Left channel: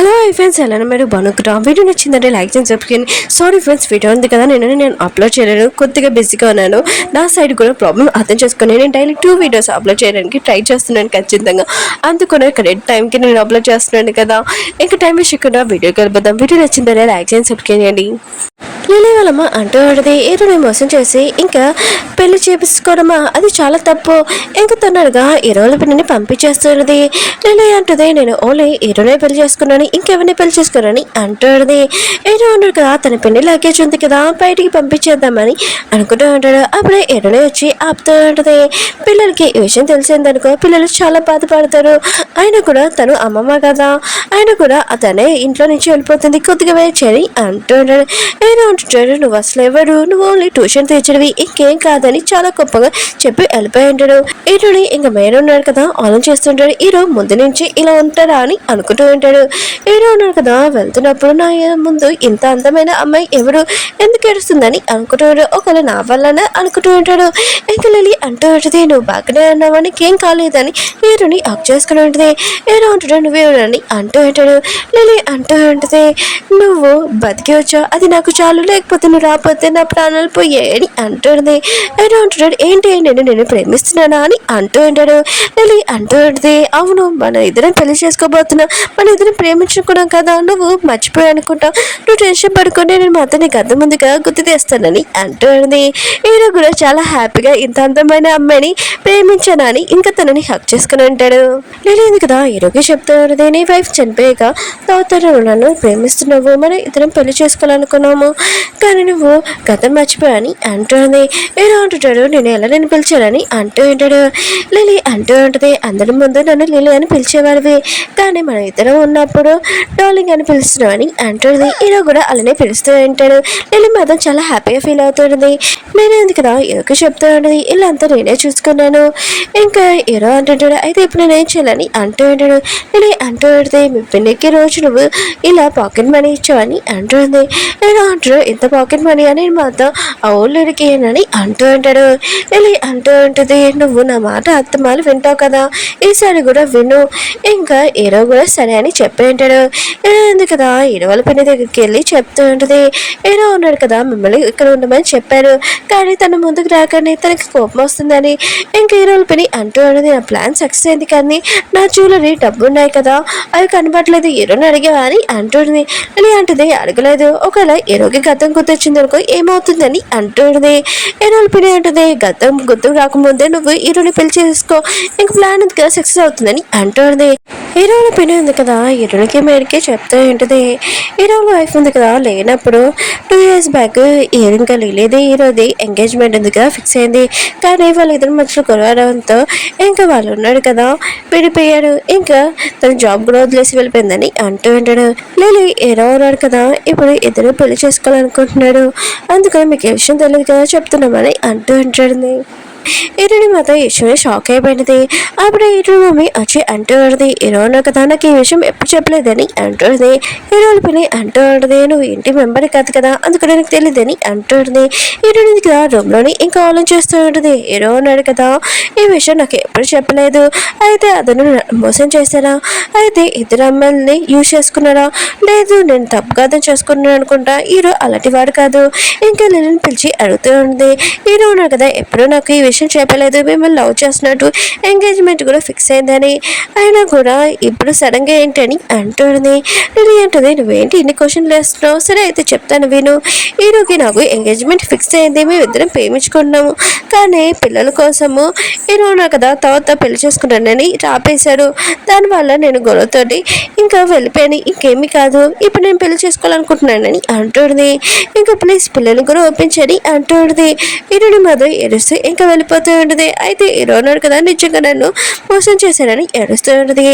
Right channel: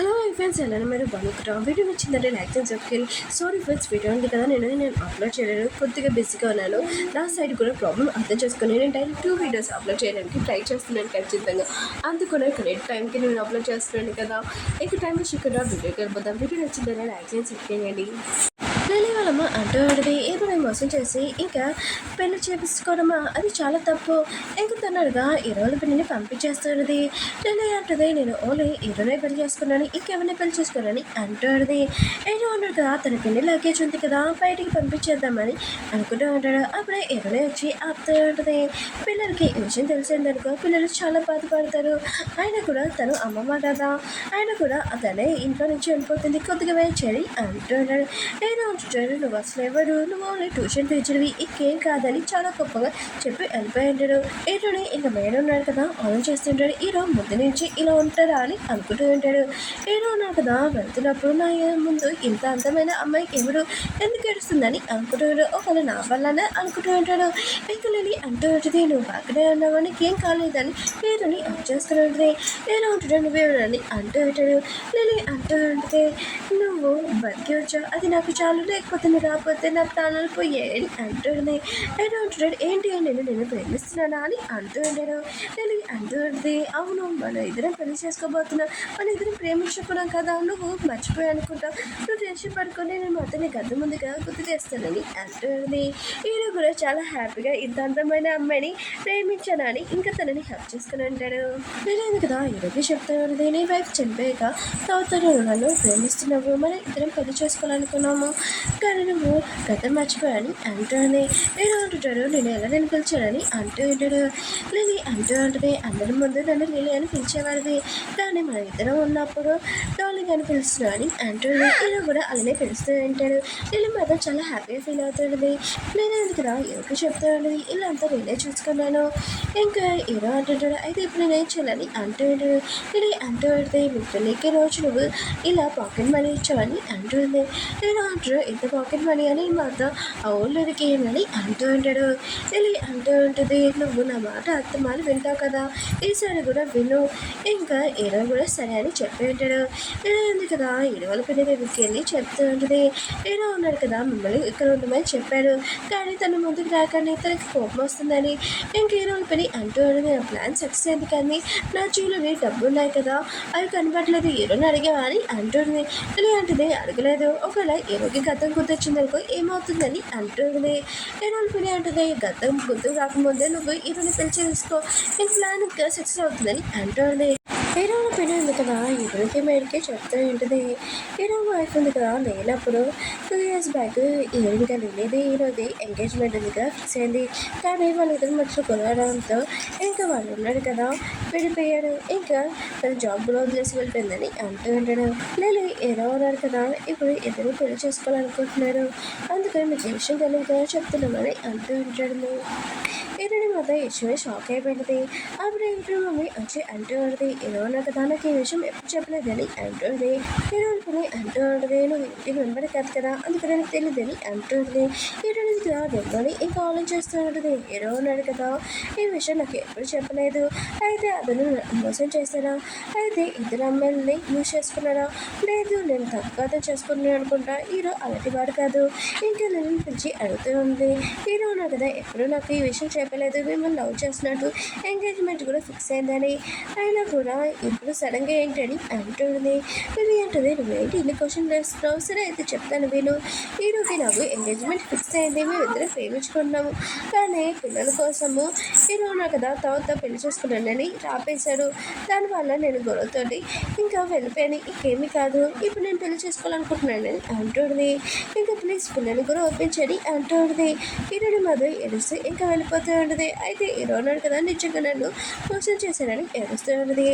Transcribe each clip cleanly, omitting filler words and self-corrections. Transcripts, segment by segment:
Hello friends, ఎలా మీరు బాగున్నారా? వీడియో నచ్చిందంటే లైక్ చేసి సబ్స్క్రైబ్. సారీ ఫ్రెండ్స్, వీడియో ఉంది కదా నేను అప్లోడ్ చేయలేను, కొద్దిగా బిజీగా ఉన్నాను. నా సైడ్ కూడా ప్రాబ్లం అర్థం చేసుకుని నేను డైలీ 2 వీడియోస్ అప్లోడ్ చేయడానికి ట్రై చేస్తున్నాను ఖచ్చితంగా. అందుకనే కరెక్ట్ టైంకి నేను అప్లోడ్ చేస్తున్నాను కదా. ఇంకా టైం వేసుకుండా వీడియోకి వెళ్ళిపోతాం. వీడియో నచ్చిందంటే లైక్ చేసి సబ్స్క్రైబ్ చేయండి. లిలీ వాళ్ళమ్మ అంటూ ఉంటుంది, హీరోని మోసం చేసి ఇంకా పెళ్లి చేపించుకోవడమా, అది చాలా తప్పు. ఇంకా తొందరగా హీరోల పిల్లని పంపించేస్తున్నది. లిలీ అంటుంది, నేను ఓన్లీ హీరోనే పెళ్లి చేసుకున్నాను, ఇంకెవరిని పెళ్లి చేసుకున్నాను అంటుంది. హీరో ఉన్నాడు కదా, తన పెళ్లి లగేజ్ ఉంది కదా, బయటికి పంపించేద్దామని అనుకుంటూ ఉంటాడు. అప్పుడే హీరోనే వచ్చి ఆపుతూ ఉంటుంది. పిల్లలకి ఈ విషయం తెలిసిందనుకో, పిల్లలు చాలా బాధపడతారు. ఆయన కూడా తను అమ్మమ్మ కదా, ఆయన కూడా అతనే ఇంట్లో నుంచి వెళ్ళిపోతుంది, కొద్దిగా వెయిట్ చేయాలి అంటూ ఉంటాడు. హీరో అంటుంటాడు, నువ్వు అసలు ఎవరు, నువ్వు ఓన్లీ ట్యూషన్ తెచ్చినవి, ఇంకేం కాదని చాలా గొప్పగా చెప్పి వెళ్ళిపోయి ఉంటాడు. హీరోని ఇంకా మేర ఉన్నాడు కదా, ఆలోచన చేస్తుంటాడు. హీరో ముందు నుంచి ఇలా ఉంటారా అని అనుకుంటూ ఉంటాడు. హీరో ఉన్నాడు కదా, వెళ్తున్నప్పుడు నా ముందు ఇంత అందమైన అమ్మాయి ఎవరు, ఎందుకు ఏడుస్తుందని అనుకుంటాడు. ఒకవేళ నా వల్లనే అనుకుంటూ ఉంటాడు. ఇంకా లిలీ అంటూ ఉంటుంది, నువ్వు బాగానే అన్నావా, నీకేం కాలేదని హీరోని హక్ చేసుకుని ఉంటుంది. హీరో అంటాడు, నువ్వేనని అంటూ ఉంటాడు. లిలీ అంటూ ఉంటుంది, నువ్వు బతికి వచ్చావు, అది నాకు చాలు, లేకపోతే నువ్వు రాకపోతే నా ప్రాణాలు పోయాయని అంటుంది. హీరో అంటాడు, ఏంటి నేను ప్రేమిస్తున్నానా అని అంటూ ఉంటాడు. లిలీ అంటూ ఉంటుంది, అవును, మన ఇద్దరం పెళ్లి చేసుకోబోతున్నా, మన ఇద్దరం ప్రేమించుకున్నాం కదా, నువ్వు మర్చిపోయి అనుకుంటావు, నువ్వు టెన్షన్ పడుకుంటే నేను మాత్రం నీకు అర్థం ముందుగా గుర్తు తెస్తానని అంటుంది. హీరో కూడా చాలా హ్యాపీగా ఇంత అందమైన అమ్మాయిని ప్రేమించానని ఇంకా తనని హక్ చేసుకుని ఉంటాడు. లిలీ ఉంది కదా, హీరోకి చెప్తూ ఉంటుంది, నీ వైఫ్ చనిపోయాక తోతను నన్ను ప్రేమిస్తున్నావు, మనం ఇద్దరం పెళ్లి చేసుకోవాలనుకున్నాము, కానీ నువ్వు గతం మర్చిపోయాని అంటుంది. హీరో అంటుంటాడు, నేను పిలిచానని అంటూ ఉంటాడు. లిలీ అంటూ ఉంటుంది, అందరి ముందు నన్ను లిలీ అని పిలిచేవాడివి, కానీ మన ఇద్దరం ఉన్నప్పుడు డార్లింగ్ అని పిలుస్తున్నామని అంటుంది. హీరో కూడా అలానే పిలుస్తూ ఉంటాడు. లిలీ మాత్రం చాలా హ్యాపీగా ఫీల్ అవుతుంది. నేను ఎందుకు కదా హీరోకి చెప్తూ ఉంటుంది, ఇలా అంతా నేనే చూసుకున్నాను. ఇంకా హీరో అంటుంటాడు, అయితే ఇప్పుడు నేనేం చేయాలని అంటూ ఉంటాడు. లిలీ అంటూ ఉంటుంది, మీ పిన్నికి రోజు నువ్వు ఇలా పాకెట్ మనీ ఇచ్చావని అంటుంది. హీరో అంటాడు, ఇంత పాకెట్ మనీ అని మాత్రం ఆ ఊళ్ళోకి అని అంటూ ఉంటాడు. లిలీ అంటూ ఉంటుంది, నువ్వు నా మాట అత్తమాలు వింటావు కదా, ఈసారి కూడా విను. ఇంకా హీరో కూడా సరే అని చెప్పి ఉంటాడు. హీరో ఉంది కదా, హీరో వాళ్ళ పిన్ని దగ్గరికి వెళ్ళి చెప్తూ ఉంటుంది, హీరో ఉన్నాడు కదా, మిమ్మల్ని ఇక్కడ ఉండమని చెప్పారు, కానీ తన ముందుకు రాగానే తనకి కోపం వస్తుందని ఇంకా హీరో వాళ్ళ పిన్ని అంటూ ఉంటుంది, నా ప్లాన్ సక్సెస్ అయింది, కానీ నా జ్యువెలరీ డబ్బు ఉన్నాయి కదా, అవి కనబడలేదు, హీరోని అడిగావా అని అంటుంది. లిలీ అంటుంది, అడగలేదు, ఒకవేళ హీరోకి గతం గుర్తొచ్చింది అనుకో ఏమవుతుందని అంటుంది. హీరోల పిన్ని అంటుంది, గతం గుర్తుకు రాకముందే నువ్వు హీరోని పెళ్లి చేసుకో, ఇంక ప్లాన్ ఉంది కదా సక్సెస్ అవుతుందని అంటుంది. హీరోల పిన్ని ఉంది కదా, హీరోకి మేరకే చెప్తూ ఉంటుంది, హీరోల వైఫ్ ఉంది కదా, లేనప్పుడు 2 years బ్యాక్ ఇంకా లిలీది హీరోది ఎంగేజ్మెంట్ ఉంది కదా ఫిక్స్ అయింది, కానీ వాళ్ళిద్దరి మధ్యలో గొడవడంతో ఇంకా వాళ్ళు ఉన్నాడు కదా విడిపోయాడు, ఇంకా తన జాబ్ కూడా వదిలేసి వెళ్ళిపోయిందని అంటూ ఉంటాడు. లిలీ హీరో ఉన్నాడు కదా, ఇప్పుడు ఇద్దరు పెళ్లి చేసుకోవాలనుకుంటున్నాడు, అందుకని మీకు ఏ విషయం తెలియదు కదా చెప్తున్నామని అంటూ ఉంటాడు. హీరోని మాత్రం ఈ విషయమే షాక్ అయిపోయినది. అప్పుడు హీరో మమ్మీ వచ్చి అంటూ ఉంటుంది, హీరో ఉన్నా కదా, నాకు ఈ విషయం ఎప్పుడు చెప్పలేదని అంటుంది. హీరోల పిల్లి అంటూ ఉంటుంది, నువ్వు ఇంటి మెంబర్ కాదు కదా, అందుకని నాకు తెలియదని అంటుంది. హీరోని కదా రూమ్లోని ఇంకా ఆలోచిస్తూ ఉంటుంది, హీరో ఉన్నాడు కదా, ఈ విషయం నాకు ఎప్పుడు చెప్పలేదు, అయితే అతను మోసం చేశారా, అయితే ఇద్దరు అమ్మాయిల్ని యూజ్ చేసుకున్నారా, లేదు నేను తప్పుగా అర్థం చేసుకున్నాను అనుకుంటా, హీరో అలాంటి వాడు కాదు. ఇంకా లిలీని పిలిచి అడుగుతూ ఉంది, హీరో ఉన్నాడు కదా, ఎప్పుడు నాకు ఈ విషయం చెప్పలేదు, మిమ్మల్ని లవ్ చేస్తున్నట్టు, ఎంగేజ్మెంట్ కూడా ఫిక్స్ అయిందని, అయినా కూడా ఇప్పుడు సడన్గా ఏంటని అంటుంది. లిలీ అంటుంది, నువ్వేంటి ఇన్ని క్వశ్చన్లు వేస్తున్నావు, సరే అయితే చెప్తాను విను, హీరోకి నాకు ఎంగేజ్మెంట్ ఫిక్స్ అయింది, మేము ఇద్దరం ప్రేమించుకుంటున్నాము, కానీ పిల్లల కోసము హీరో ఉన్నా కదా తర్వాత పెళ్లి చేసుకుంటానని రాపేశారు, దానివల్ల నేను గొడవతోటి ఇంకా వెళ్ళిపోయాను, ఇంకేమీ కాదు, ఇప్పుడు నేను పెళ్లి చేసుకోవాలనుకుంటున్నానని అంటుంది. ఇంకా ప్లీజ్ పిల్లలు కూడా ఒప్పించని అంటుంది. హీరోని మాత్రం ఏడుస్తూ ఇంకా వెళ్ళిపోతూ ఉంటుంది. అయితే హీరో ఉన్నాడు కదా, నిజంగా నన్ను మోసం చేశానని ఏడుస్తూ ఉంటుంది.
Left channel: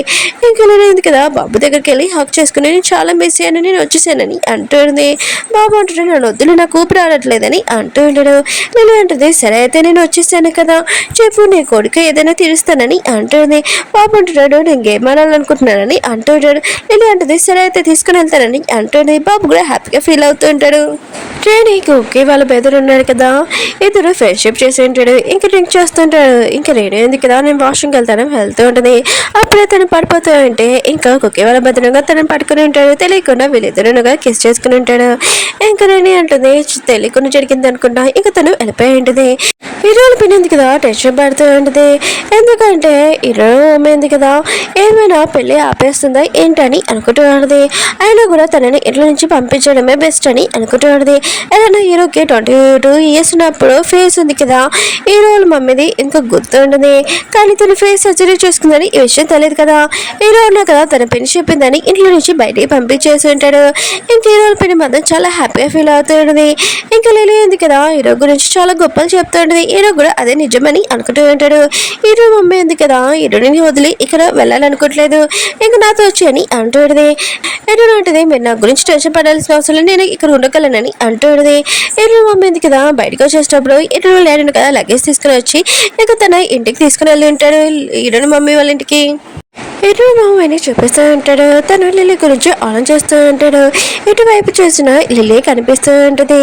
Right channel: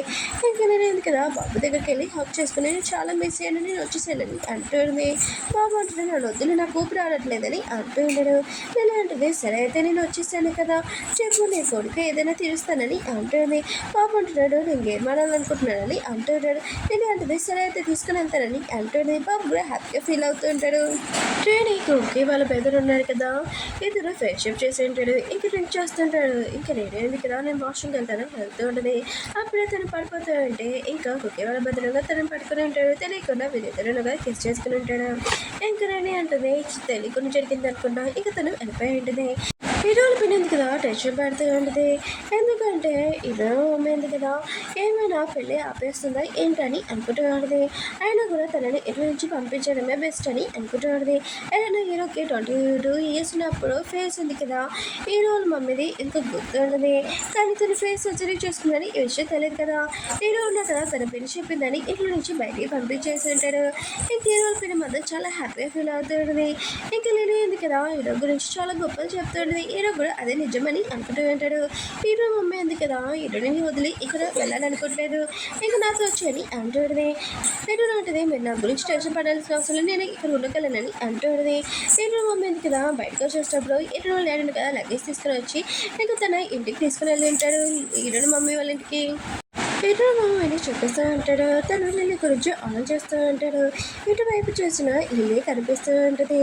ఇంకా లేదు కదా, బాబు దగ్గరికి వెళ్ళి హక్ చేసుకుని నేను చాలా మిస్ అయ్యాను, నేను వచ్చేసానని అంటుంది. బాబు అంటుంటే నన్ను వద్దులు, నాకు ఊపిరి ఆడట్లేదని అంటూ ఉంటాడు. నేను అంటుంది, సరే అయితే నేను వచ్చేసాను కదా, చెప్పు నీ కొడుకు ఏదైనా తీరుస్తానని అంటుంది. బాబు అంటున్నాడు, నేను గేమ్ ఆడాలనుకుంటున్నానని అంటుంటాడు. లిల్లీ అంటుంది సరే అయితే తీసుకుని వెళ్తానని అంటుంది. బాబు కూడా హ్యాపీగా ఫీల్ అవుతూ ఉంటాడు. ట్రైనీకి ఓకే వాళ్ళ బెదరు ఉన్నాడు కదా, ఇద్దరు ఫ్రెండ్షిప్ చేసి ఉంటాడు. ఇంకా డ్రింక్ చేస్తుంటాడు. ఇంకా రెడీ అయింది కదా నేను వాష్రూమ్కి వెళ్తాను వెళ్తూ ఉంటుంది. అప్పుడే తను పడిపోతూ ఉంటే ఇంకా కుక్కే వాళ్ళ బెదరుగా తనని పట్టుకుని ఉంటాడు. తెలియకుండా వీళ్ళిద్దరుగా కిస్ చేసుకుని ఉంటాడు. ఇంకా రెడీ అంటుంది తెలియకుండా జరిగింది అనుకుంటా. ఇంకా తను వెళ్ళిపోయి ఉంటుంది. హీరోలు పిన్నింది కదా టెన్షన్ పడుతూ ఉంటుంది. ఎందుకంటే హీరో అమ్మైంది కదా ఏమైనా పెళ్ళి ఆపేస్తుందా ఏంటని అనుకుంటూ ఉంటుంది. అయినా కూడా తనని ఇంట్లో నుంచి పంపించడమే బెస్ట్ అని అనుకుంటూ ఉంటుంది. ఏదైనా హీరోకి 22 years ఉన్నప్పుడు ఫేస్ ఉంది కదా హీరోల మమ్మీది ఇంకా గుర్తు ఉంటుంది. కానీ తన ఫేస్ సర్జరీ చేసుకుందని ఈ విషయం తెలియదు కదా. హీరో ఉన్నా కదా తన పెళ్లి చెప్పిందని ఇంట్లో నుంచి బయటికి పంపించేసి ఉంటాడు. ఇంక హీరోల పెళ్లి మాత్రం చాలా హ్యాపీగా ఫీల్ అవుతూ ఉంటుంది. ఇంకా లిల్లీ ఉంది కదా హీరో గురించి చాలా గొప్పలు చెప్తూ ఉంటుంది. హీరో కూడా అదే నిజమని అనుకుంటూ ఉంటాడు. హీరో మమ్మీ ఉంది కదా హీరోని వదిలి ఇక్కడ వెళ్ళాలనుకోవట్లేదు, ఇంకా నాతో వచ్చి అని అంటూ ఉంటుంది. హీరో ఉంటుంది మీరు నా గురించి టెన్షన్ పడాల్సిన అవసరం నేను ఇక్కడ ఉండగలనని అంటూ ఉంటుంది. హీరో మమ్మీ ఉంది కదా బయటకు వచ్చేటప్పుడు హీరో లేడు కదా లగేజ్ తీసుకుని వచ్చి ఇంకా తన ఇంటికి తీసుకుని వెళ్ళి ఉంటాడు హీరోని మమ్మీ వాళ్ళ ఇంటికి. హీరో మమ్మీని చూపిస్తూ ఉంటాడు. తను లిల్లీ గురించి ఆలోచిస్తూ ఉంటాడు. ఇటువైపు చూసిన లిల్లీ కనిపిస్తూ ఉంటుంది.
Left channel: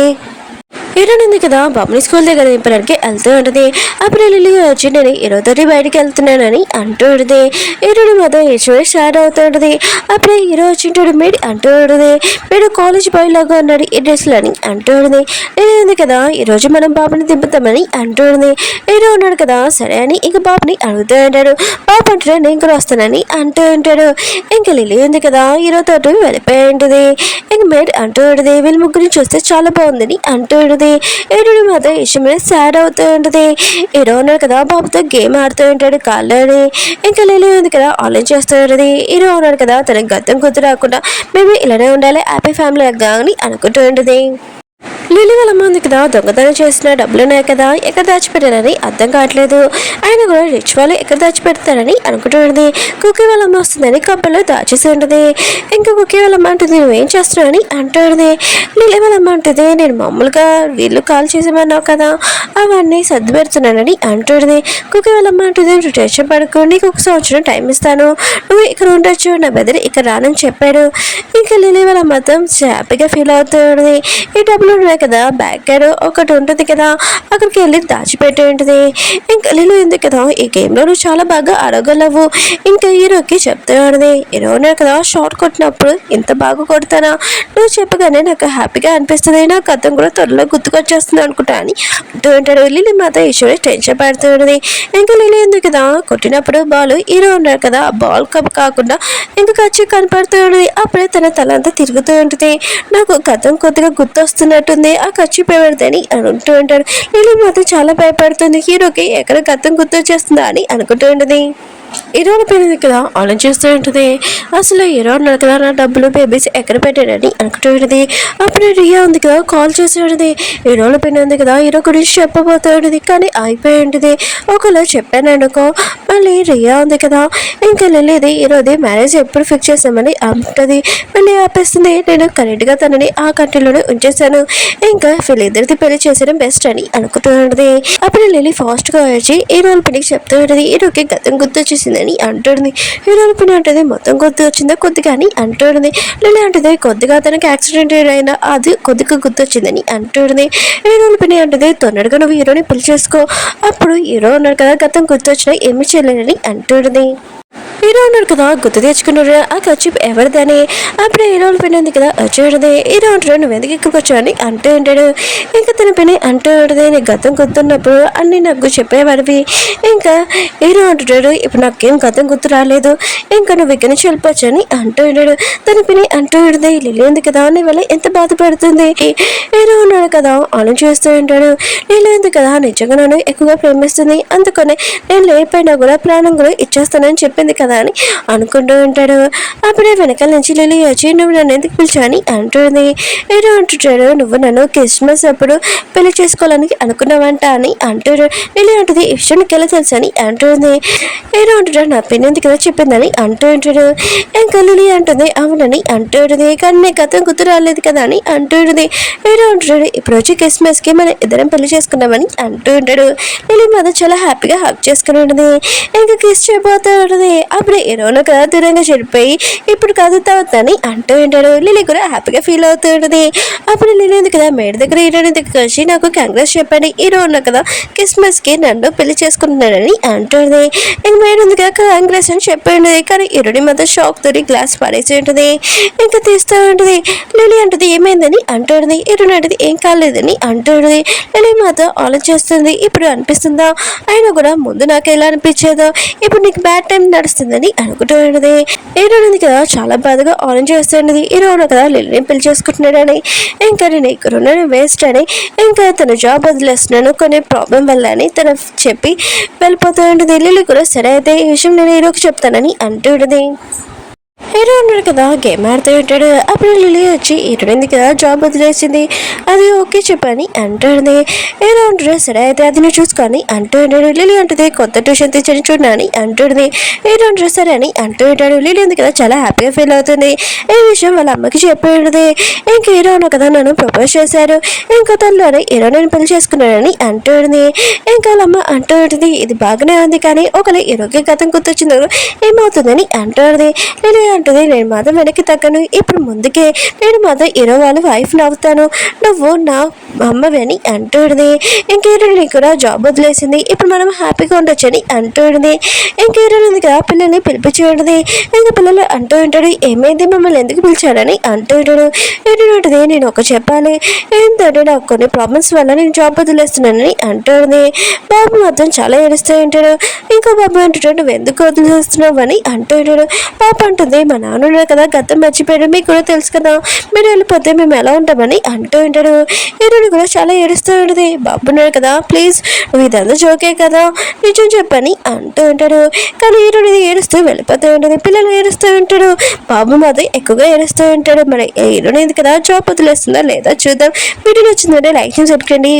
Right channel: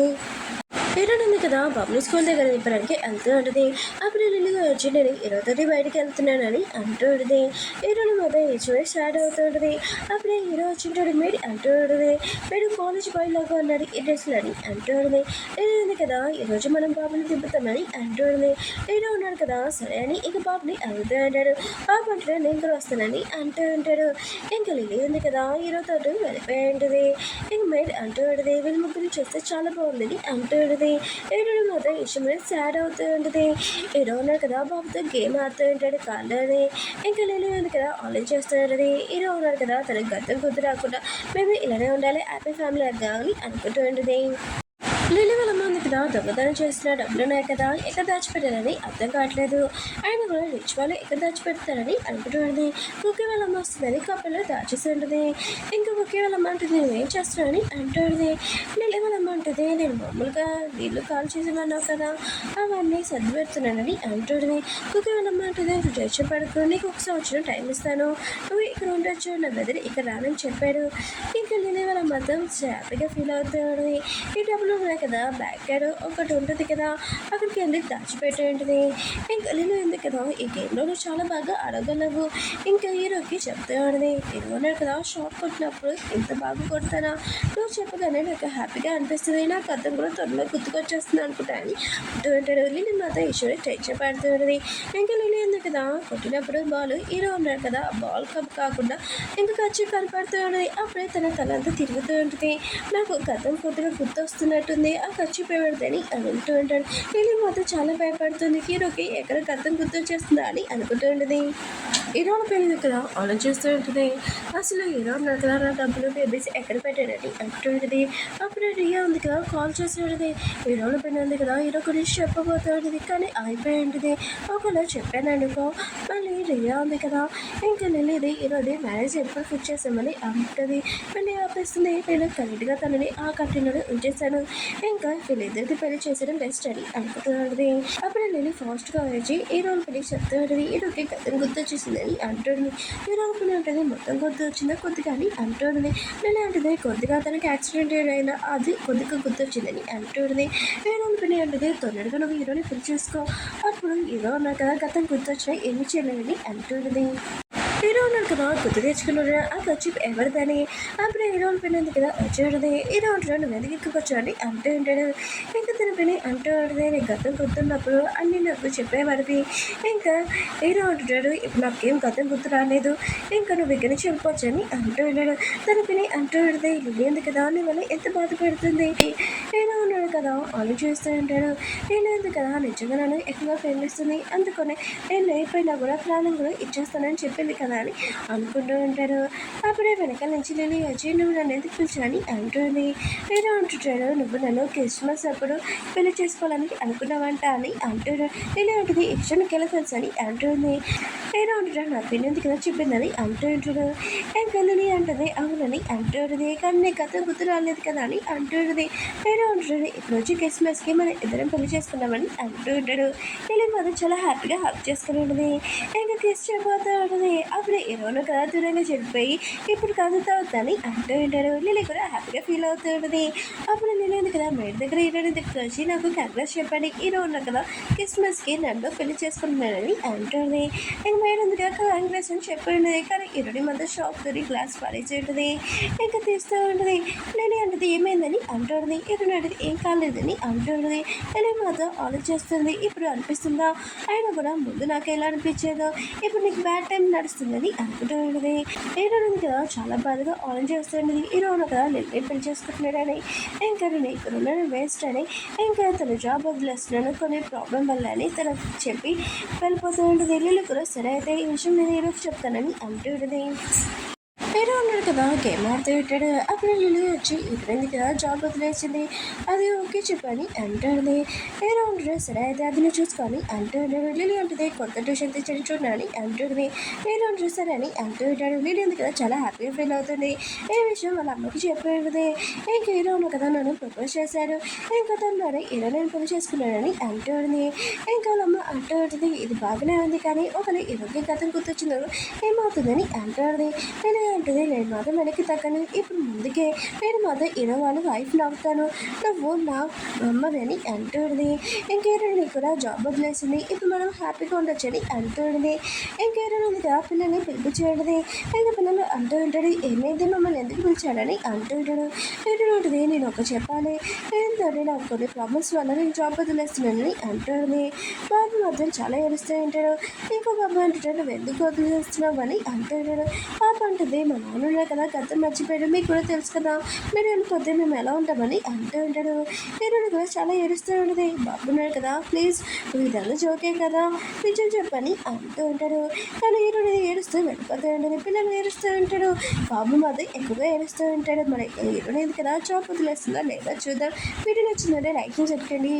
హీరోయిన్ ఉంది కదా బాబుని స్కూల్ దగ్గర దింపడానికి వెళ్తూ ఉంటుంది. అప్పుడు లిల్లీ వచ్చి నేను హీరోతోటి బయటికి వెళ్తున్నానని అంటూ ఉంటుంది. హీరోని మాత్రం హెచ్చువే స్టార్ట్ అవుతూ ఉంటుంది. అప్పుడే హీరో వచ్చింటాడు మీడి అంటూ ఉంటుంది. వీడు కాలేజ్ బాయ్ లాగా ఉన్నాడు ఈ డ్రెస్లో అని అంటూ ఉంటుంది. లిల్లీ ఉంది కదా ఈరోజు మనం బాబుని దింపుతామని అంటూ ఉంటుంది. హీరో ఉన్నాడు కదా సరే అని ఇంక బాబుని అడుగుతూ ఉంటాడు. బాబు అంటాడు నేను కూడా వస్తానని అంటూ ఉంటాడు. ఇంకా లిల్లీ ఉంది కదా హీరోతో వెళ్ళిపోయి ఉంటుంది. ఇంక మేడ్ అంటూ ఉంటుంది వీళ్ళ ముగ్గురిని చూస్తే చాలా బాగుందని అంటూ ఉంటుంది. హీరోని మాత్రం ఇష్టమైన సాడ్ అవుతూ ఉంటుంది. హీరో ఉన్నాడు కదా బాబుతో గేమ్ ఆడుతూ ఉంటాడు కాళ్ళని. ఇంకా లిల్లీ ఉంది కదా ఆన్లైన్ చేస్తూ ఉంటుంది. హీరో ఉన్నాడు కదా తనకు గతం గుర్తు రాకుండా మేము ఇలానే ఉండాలి హ్యాపీ ఫ్యామిలీ అని అనుకుంటూ ఉంటుంది. లిల్లీ వాళ్ళ ముందు కదా దొంగతనం చేసిన డబ్బులు ఉన్నాయి కదా ఎక్కడ దాచిపెట్టారని అర్థం కావట్లేదు. ఆయన కూడా రిచ్ వాళ్ళు ఎక్కడ దాచిపెడతారని అనుకుంటుంది. కుక్కీ వాళ్ళ అమ్మ వస్తుందని కప్పల్లో దాచేసి ఉంటుంది. ఇంకా కుక్కీ వాళ్ళ అమ్మ అంటుంది నువ్వేం చేస్తున్నావు అని అంటుంది. లిల్లీ వాళ్ళ అమ్మ అంటుంది నేను మామూలుగా వీళ్ళు కాల్ చేసేమన్నావు కదా అవన్నీ సర్ది పెడుతున్నానని అంటుంది. కుక్కీ వాళ్ళ అమ్మ అంటుంది నువ్వు టెన్షన్ పడుకో నీకు 1 సంవత్సరం టైం ఇస్తాను నువ్వు ఇక్కడ ఉండొచ్చు నా బెదర్ ఇక్కడ రానని చెప్పాడు. ఇంకా లిల్లీ వాళ్ళ మొత్తం హ్యాపీగా ఫీల్ అవుతుంది. ఈ డబ్బులు కదా బ్యాక్ సైడ్ ఒకటి ఉంటుంది కదా అక్కడికి వెళ్ళి దాచిపెట్టి ఉంటుంది. ఇంకా లిల్లీ ఉంది కదా ఈ గేమ్లో నువ్వు చాలా బాగా ఆడగలవు ఇంకా హీరోకి చెప్తూ ఉంటుంది. హీరో కదా షార్ట్ కొట్టినప్పుడు ఇంత బాగా కొడతానా నువ్వు చెప్పగానే నాకు హ్యాపీగా అనిపిస్తుంది నాకు అర్థం కూడా త్వరలో గుర్తుకొచ్చేస్తుంది అనుకుంటా అని అంటూ ఉంటాడు. లిల్లీ మాత్రం ఈశ్వరి టెన్షన్ పడుతూ ఉంటుంది. ఇంకా లిల్లీ ఉంది కదా కొట్టినప్పుడు బాల్ హీరో ఉన్నాడు కదా ఆ బాల్ కప్ కాకుండా ఇంకా ఖర్చు కనపడుతూ ఉంటుంది. అప్పుడే తన తల అంతా తిరుగుతూ ఉంటుంది. నాకు గతం కొద్దిగా గుర్తొస్తున్నట్టుంది ఆ ఖర్చు పెడదని అంటూ ఉంటాడు. లిల్లీ మాత్రం చాలా భయపడుతుంది. హీరోకి ఎక్కడ గతం గుర్తొచ్చేస్తుందా అని అనుకుంటూ ఉంటుంది. హీరోని పేరు కదా ఆలోచిస్తూ ఉంటుంది. అసలు హీరో ఉన్నారు కదా నా డబ్బులు బేబీస్ ఎక్కడ పెట్టాడని అనుకుంటూ ఉంటుంది. అప్పుడు రియా ఉంది కదా కాల్ చేసి ఉంటుంది. హీరోల పేరు ఉంది కదా హీరో గురించి చెప్పబోతూ ఉంటుంది కానీ అయిపోయి ఉంటుంది. ఒకవేళ చెప్పాను అనుకో మళ్ళీ రియా ఉంది కదా ఇంకా లిల్లీది హీరోది మ్యారేజ్ ఎప్పుడు ఫిక్స్ చేసామని అంటుంది. మళ్ళీ ఆపేస్తుంది. నేను కరెక్ట్గా తనని ఆ కంట్రీలోనే ఉంచేసాను ఇంకా వీళ్ళిద్దరిది పెళ్లి చేసేయడం బెస్ట్ అని అనుకుంటూ ఉంటుంది. అప్పుడు లిల్లీ ఫాస్ట్గా వచ్చి హీరోల పెళ్లికి చెప్తూ ఉంటుంది. హీరోకి గతం గుర్తొచ్చేసిందని అంటుంది. హీరోల పని అంటుంది మొత్తం గుర్తు వచ్చిందా కొద్దిగా అని అంటుంది. లిల్లీ అంటుంది కొద్దిగా తనకి యాక్సిడెంట్ అయినా అది కొద్దిగా గుర్తొచ్చిందని అంటుంది. హీరోల పని అంటుంది తొందరగా నువ్వు హీరోని పెళ్లి చేసుకో అప్పుడు హీరో ఉన్నాడు కదా గతం గుర్తొచ్చినా ఏమి చేయలేనని అంటుంది. హీరో ఉన్నాడు కదా గుర్తు తెచ్చుకున్నాడు ఆ ఖర్చు ఎవరిదని. అప్పుడు హీరోల పని ఉంది కదా వచ్చేది. హీరో అంటాడు నువ్వు ఎందుకు ఇక్కడికి వచ్చావు అని అంటూ ఉంటాడు. ఇంకా తన పని అంటూ ఉంటుంది నీ గతం గుర్తున్నప్పుడు అన్నీ నాకు చెప్పేవాడివి. ఇంకా హీరో అంటున్నాడు ఇప్పుడు నాకేం గతం గుర్తు రాలేదు ఇంకా నువ్వు ఇక్కడి నుంచి వెళ్ళిపోవచ్చు అని అంటూ ఉంటాడు. తన పని అంటూ ఉంటుంది లిల్లీ ఉంది కదా నీ వల్ల ఎంత బాధపడుతుంది. హీరో ఉన్నాడు కదా ఆలోచిస్తూ ఉంటాడు. లిల్లీ ఉంది కదా నిజంగా నన్ను ఎక్కువగా ప్రేమిస్తుంది అందుకనే నేను లేకపోయినా కూడా ప్రాణం కూడా ఇచ్చేస్తానని చెప్పింది కదా అని అనుకుంటూ ఉంటాడు. అప్పుడే వెనకాల నుంచి లిల్లీ వచ్చి నువ్వు నన్ను ఎందుకు పిలిచాని అంటుంది. హీరో అంటుంటాడు నువ్వు నన్ను క్రిస్మస్ అప్పుడు పెళ్లి చేసుకోవాలని అనుకున్నావంట అని అంటాడు. లిల్లీ అంటుంది ఈ విషయం నీకు ఎలా తెలుసు అని అంటుంది. హీరో అంటుంటాడు నా పెళ్లి ఎందుకు కదా చెప్పిందని అంటూ ఉంటాడు. ఇంకా లిల్లీ అంటుంది అవునని అంటుంది కానీ నీకు గతం గుర్తు రాలేదు కదా అని అంటుంది. హీరో అంటుంటాడు ఇప్పుడు వచ్చి క్రిస్మస్కి మనం ఇద్దరం పెళ్లి చేసుకున్నామని అంటూ ఉంటాడు. లిల్లీ మాత్రం చాలా హ్యాపీగా హక్ చేసుకుని ఉంటుంది. ఇంకా కిస్ చేయబోతూ ఉంటుంది. అప్పుడు హీరోను కదా దూరంగా చెడిపోయి ఇప్పుడు కాదు తర్వాత అని అంటూ ఉంటాడు. లిలీ కూడా హ్యాపీగా ఫీల్ అవుతూ ఉంటుంది. అప్పుడు లిలీ ఉంది కదా మేడ దగ్గర హీరోని దగ్గర వచ్చి నాకు కంగ్రెస్ చెప్పండి, హీరో ఉన్న కదా క్రిస్మస్కి నన్ను పెళ్లి చేసుకుంటున్నాడని అంటుంది. ఇంక మేడ ఉంది కదా కంగ్రెస్ అని చెప్పి ఉంటుంది. కానీ హీరోని మాత్రం షాక్ తోటి గ్లాస్ పడేసి ఉంటుంది. ఇంకా తీస్తూ ఉంటుంది. లిలీ అంటుంది ఏమైందని అంటుంది. హీరోని అంటుంది ఏం కాలేదని అంటుంది. లిలీ మాత్రం ఆలోచిస్తుంది. ఇప్పుడు అనిపిస్తుందా అయినా కూడా ముందు నాకు ఎలా అనిపించేదో ఇప్పుడు నీకు బ్యాడ్ టైం నడుస్తుందని అనుకుంటూ ఉంటుంది. హీరోని ఉంది కదా చాలా బాధగా ఆలోచిస్తుంది. హీరోను కదా లిలీని పెళ్లి చేసుకుంటున్నాడని, ఇంకా నేను ఇక్కడ ఉన్నాను వేస్ట్ అని, ఇంకా తన జాబ్ వదిలేస్తున్నాను కొన్ని ప్రాబ్లం వల్ల అని తన చెప్పి వెళ్ళిపోతూ ఉంటుంది. లిల్లీ కూడా సరే అయితే ఈ విషయం నేను హీరోకి చెప్తానని అంటూ ఉంటుంది. హీరో ఉన్నాడు కదా గేమ్ ఆడుతూ ఉంటాడు. అప్పుడు లిలీ వచ్చి హీరోయింది కదా జాబ్ వదిలేసింది, అది ఓకే చెప్పని అంటుంది. హీరో ఉంటాడు సరే అయితే అది నువ్వు చూసుకొని అంటూ ఉంటాడు. లిలీ అంటుంది కొత్త ట్యూషన్ తెచ్చని చూడని అంటుంది. హీరో ఉంటాడు సరే అని అంటూ ఉంటాడు. లిలీ ఉంది కదా చాలా హ్యాపీగా ఫీల్ అవుతుంది. ఈ విషయం వాళ్ళ అమ్మకి చెప్పి ఉంటుంది. ఇంక హీరో ఉన్న కదా నన్ను ప్రపోజ్ చేశారు, ఇంకా తనలోనే హీరో నేను పెళ్లి చేసుకున్నానని అంటుంది. ఇంకా వాళ్ళ అమ్మ అంటూ ఉంటుంది ఇది బాగానే ఉంది కానీ ఒకవేళ హీరోకి గతం గుర్తొచ్చిందో ఏమవుతుందని అంటుంది. లిలీ అంటుంది నేను మాత్రం వెనక్కి తగ్గను, ఇప్పుడు ముందుకే నేను మాత్రం హీరో వాళ్ళ వైఫ్ నవ్వుతాను, నువ్వు నా అమ్మవి అని అంటుంది. ఇంకేరోని కూడా జాబ్ వదిలేసింది, ఇప్పుడు మనం హ్యాపీగా ఉండొచ్చని అంటుంది. ఇంకేరోని కదా పిల్లల్ని పిలిపించి ఉంటుంది. ఇంకా పిల్లలు అంటూ ఉంటాడు ఏమైంది మమ్మల్ని ఎందుకు పిలిచాడని అంటూ ఉంటాడు. ఏంటంటే నేను ఒక చెప్పాలి ఏంటంటే నాకు కొన్ని ప్రాబ్లమ్స్ వల్ల నేను జాబ్ వదిలేస్తున్నానని అంటుంది. బాబు మాత్రం చాలా ఏడుస్తూ ఉంటాడు. ఇంకో బాబు అంటుంటాడు నువ్వు ఎందుకు వదిలేస్తున్నావు అని అంటూ ఉంటాడు. పాప అంటుంది మా నాన్న ఉన్నాడు కదా గతం మర్చిపోయాడు, మీకు కూడా తెలుసు కదా మీరు వెళ్ళిపోతే మేము ఎలా ఉంటామని అంటూ ఉంటాడు. హీరోని కూడా చాలా ఏడుస్తూ ఉంటుంది. బాబు ఉన్నాడు కదా ప్లీజ్ నువ్వు ఇదంతా జోకే కదా నిజం చెప్పని అంటూ ఉంటాడు. కానీ హీరోని ఏడుస్తూ వెళ్ళిపోతూ ఉంటుంది. పిల్లలు ఏడుస్తూ ఉంటాడు. బాబు మాత్రం ఎక్కువగా ఏడుస్తూ ఉంటాడు. మరి హీరోని కదా జాబ్ వదిలేస్తుందా లేదా చూద్దాం. వీడియో నచ్చిందంటే లైక్ చేసి సబ్స్క్రైబ్ చేయండి.